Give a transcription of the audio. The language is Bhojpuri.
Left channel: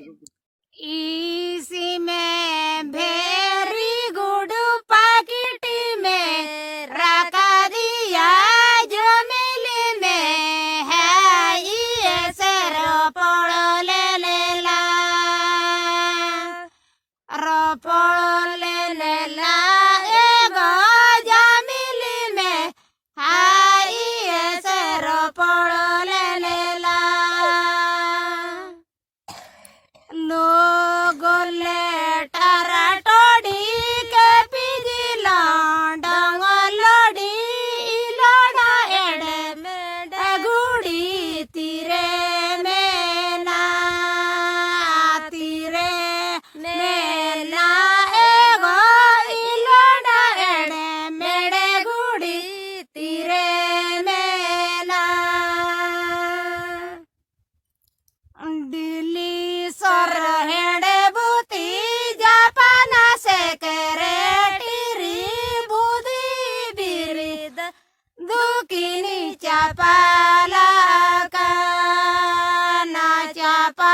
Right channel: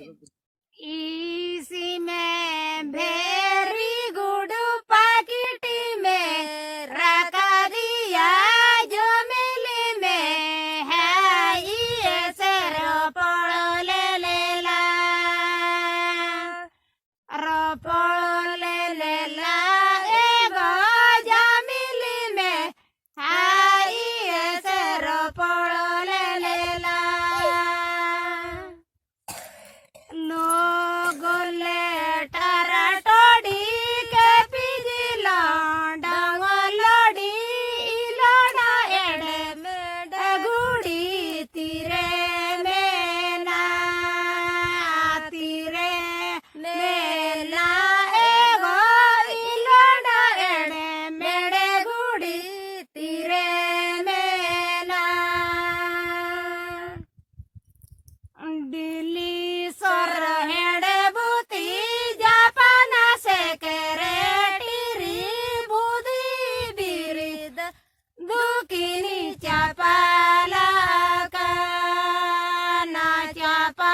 इसी में वेरी गुड पाकिट में रखा दिया जो मिली में है ये सेरो पड़ो ले ला रो पड़ो ले ला एगो जो मिली में है ये सेरो पड़ो ले ला लोगोले टराटोडी के पिजिला डंगलोडी इलोडा एडे मेडे गुड़ी तीरे मेना एगो इलोडा एडे मेडे गुड़ी तीरे मेना दिल्ली सर हेडे बुती जापाना सेक्रेटरी बुदी बिरिद दुकिनी चापाला का ना चापा